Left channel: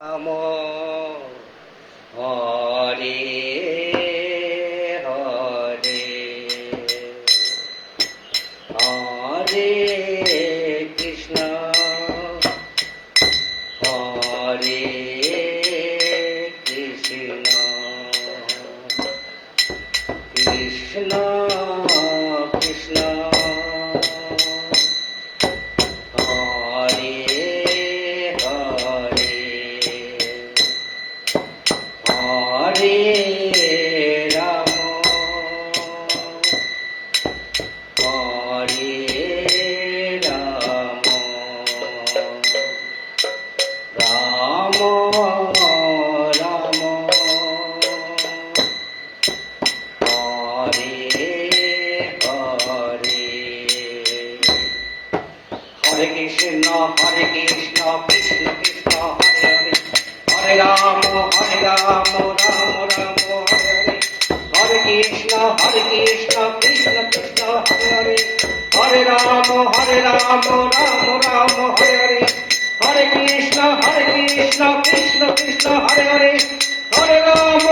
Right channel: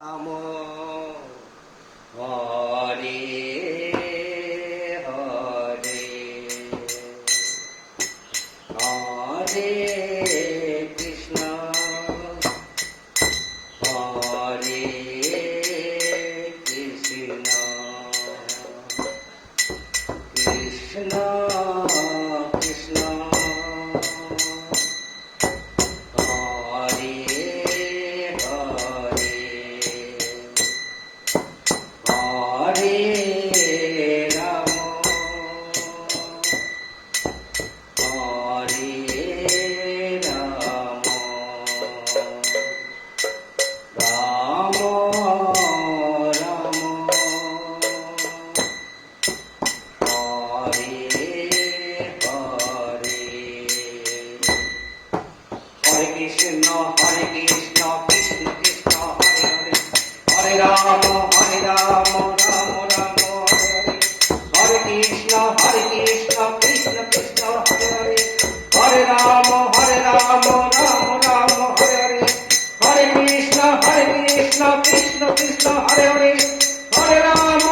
রাম হরে হরে হরে কৃষ্ণ হরে কৃষ্ণ কৃষ্ণ কৃষ্ণ হরে হরে হরে রাম হরে রাম রাম রাম হরে হরে হরে কৃষ্ণ কৃষ্ণ কৃষ্ণ হরে হরে রাম রাম রাম হরে হরে কৃষ্ণ কৃষ্ণ কৃষ্ণ হরে হরে রাম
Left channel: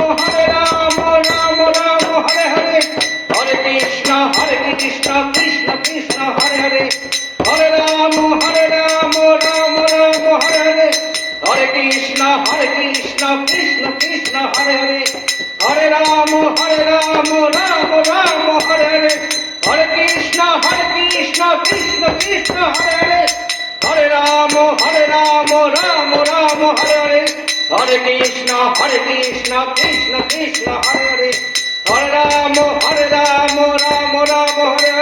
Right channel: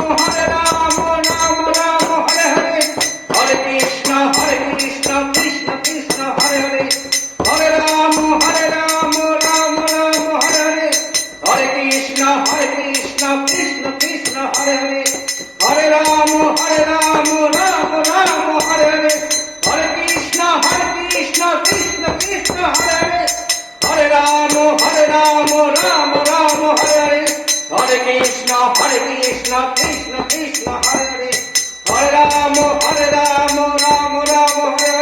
রাম রাম হরে হরে কৃষ্ণ কৃষ্ণ কৃষ্ণ হরে হরে রাম রাম রাম হরে হরে কৃষ্ণ কৃষ্ণ কৃষ্ণ হরে হরে রাম রাম রাম হরে হরে কৃষ্ণ কৃষ্ণ কৃষ্ণ হরে হরে রাম রাম রাম হরে হরে কৃষ্ণ কৃষ্ণ কৃষ্ণ হরে হরে রাম রাম রাম হরে হরে কৃষ্ণ কৃষ্ণ কৃষ্ণ হরে হরে রাম রাম রাম হরে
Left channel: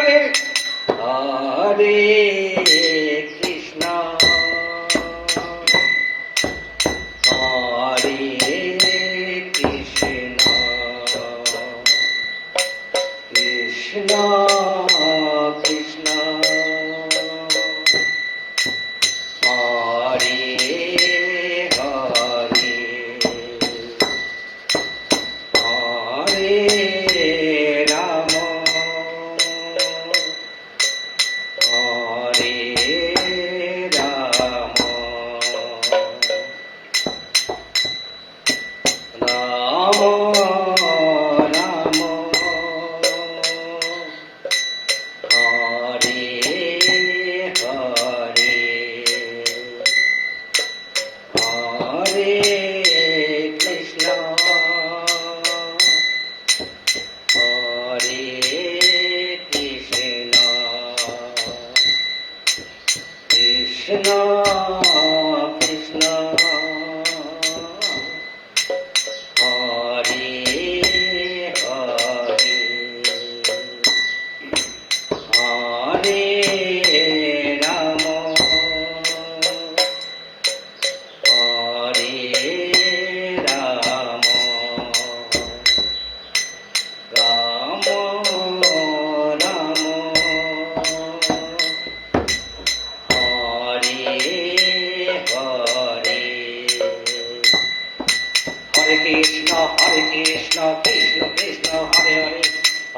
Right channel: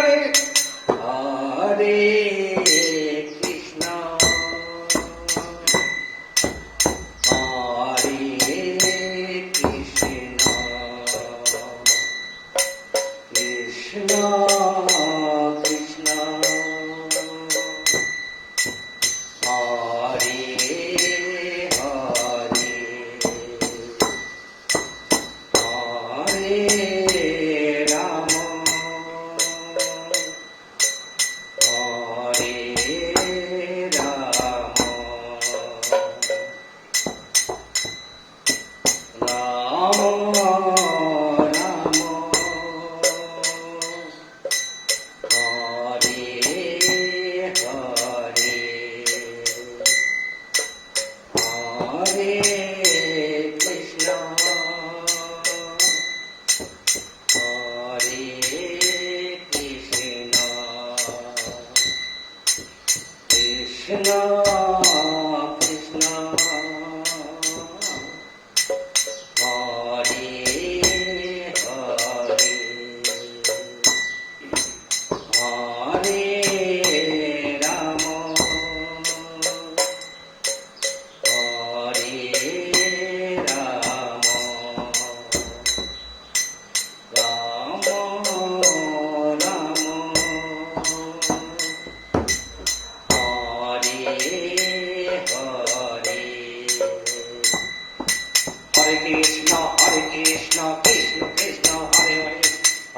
হরে কৃষ্ণ হরে কৃষ্ণ কৃষ্ণ কৃষ্ণ হরে হরে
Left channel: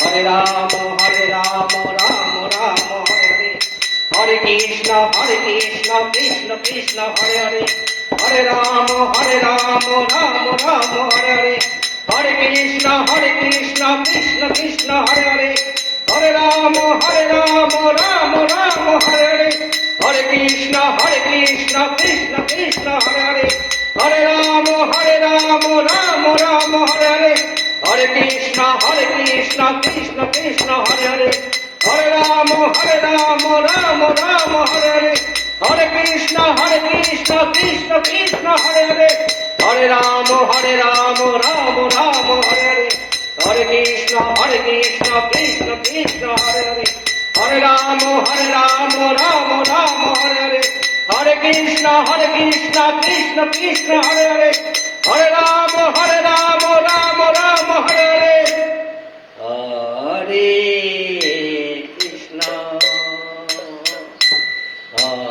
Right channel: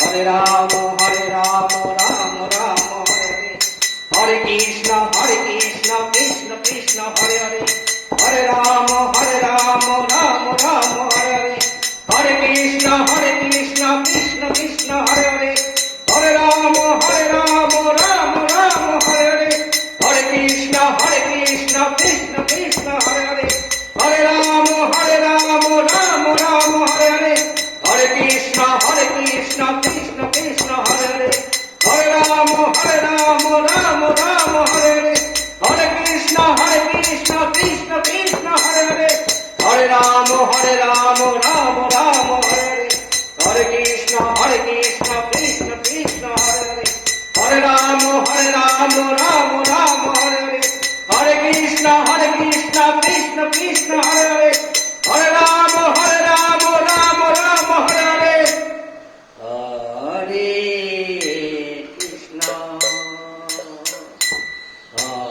হরে রাম হরে রাম রাম রাম হরে হরে হরে কৃষ্ণ হরে কৃষ্ণ কৃষ্ণ কৃষ্ণ হরে হরে হরে রাম হরে রাম রাম রাম হরে হরে হরে কৃষ্ণ কৃষ্ণ কৃষ্ণ হরে হরে রাম রাম রাম হরে হরে কৃষ্ণ কৃষ্ণ হরে হরে রাম রাম রাম হরে হরে কৃষ্ণ কৃষ্ণ হরে হরে রাম রাম হরে হরে কৃষ্ণ কৃষ্ণ হরে হরে রাম রাম হরে হরে কৃষ্ণ কৃষ্ণ হরে হরে রাম রাম হরে হরে কৃষ্ণ কৃষ্ণ হরে হরে রাম রাম হরে হরে কৃষ্ণ কৃষ্ণ হরে হরে রাম রাম হরে হরে কৃষ্ণ কৃষ্ণ হরে হরে রাম রাম হরে হরে কৃষ্ণ হরে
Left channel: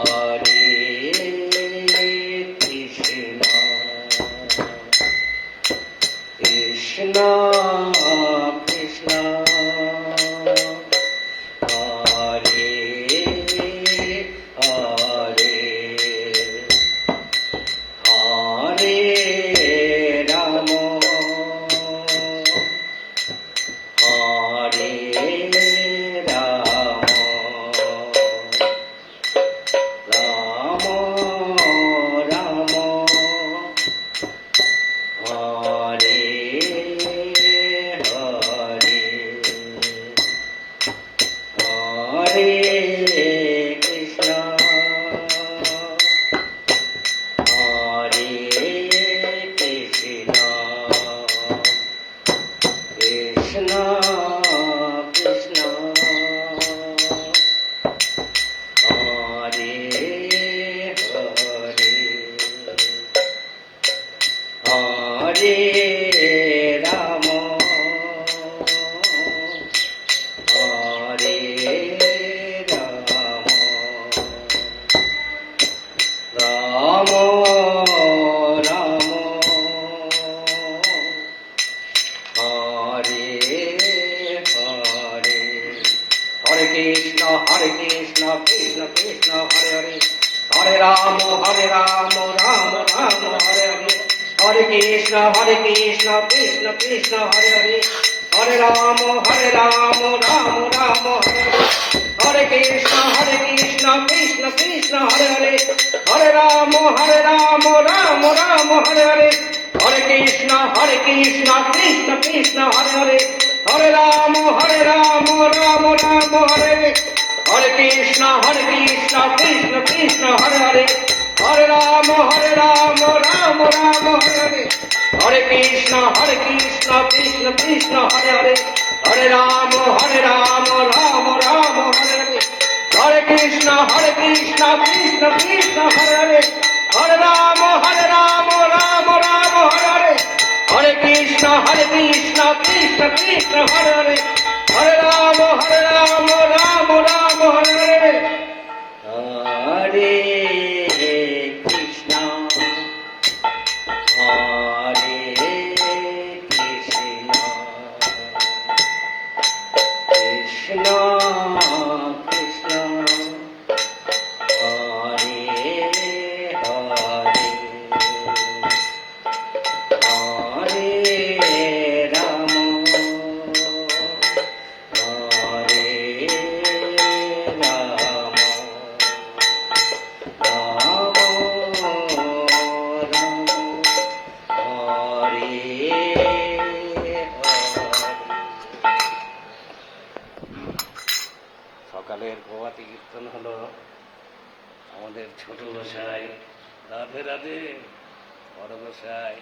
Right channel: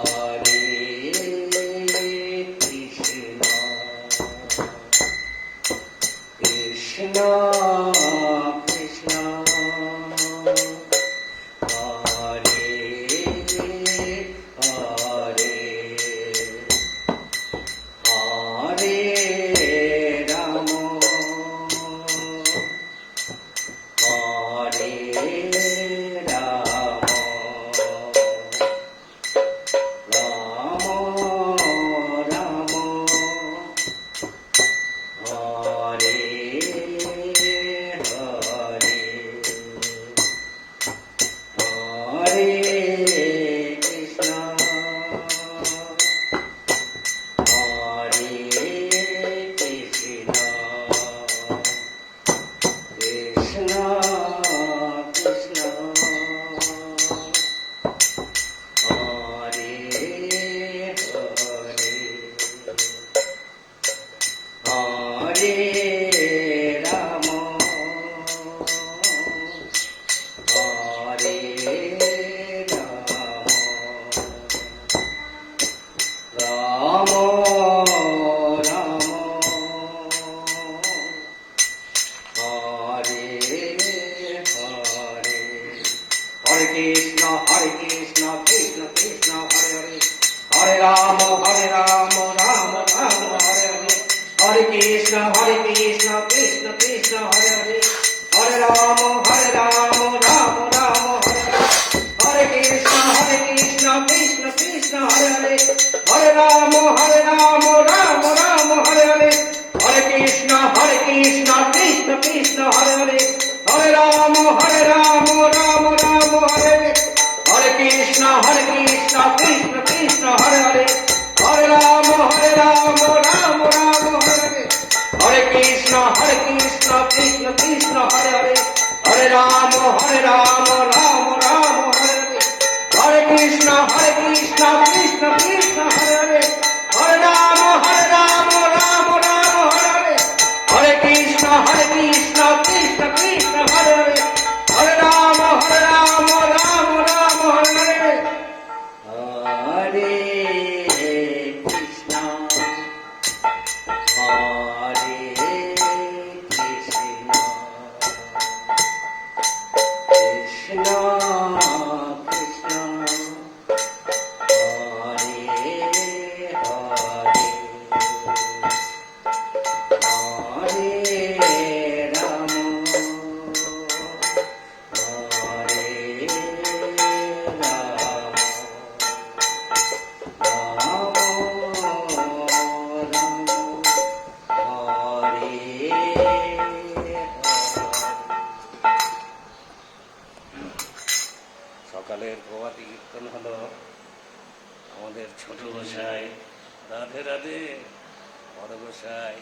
কৃষ্ণ কৃষ্ণ কৃষ্ণ হরে হরে হরে হরে রাম হরে রাম রাম রাম হরে হরে হরে কৃষ্ণ কৃষ্ণ কৃষ্ণ হরে হরে হরে রাম রাম রাম হরে হরে হরে কৃষ্ণ কৃষ্ণ কৃষ্ণ হরে হরে হরে রাম রাম রাম হরে হরে কৃষ্ণ কৃষ্ণ কৃষ্ণ হরে হরে হরে রাম রাম রাম হরে হরে হরে কৃষ্ণ কৃষ্ণ কৃষ্ণ হরে হরে হরে রাম রাম রাম হরে হরে কৃষ্ণ কৃষ্ণ কৃষ্ণ হরে হরে হরে রাম রাম রাম হরে হরে হরে কৃষ্ণ কৃষ্ণ কৃষ্ণ হরে হরে হরে রাম রাম রাম হরে হরে হরে কৃষ্ণ কৃষ্ণ কৃষ্ণ হরে হরে হরে রাম রাম রাম হরে হরে হরে কৃষ্ণ কৃষ্ণ কৃষ্ণ হরে হরে হরে রাম রাম রাম হরে হরে হরে কৃষ্ণ হরে কৃষ্ণ কৃষ্ণ কৃষ্ণ হরে হরে হরে রাম হরে রাম রাম রাম হরে সকালের প্রভাতী কীর্তন হলো আমাদের ছোট গোসাই রাধে রাধে বড় গোসাই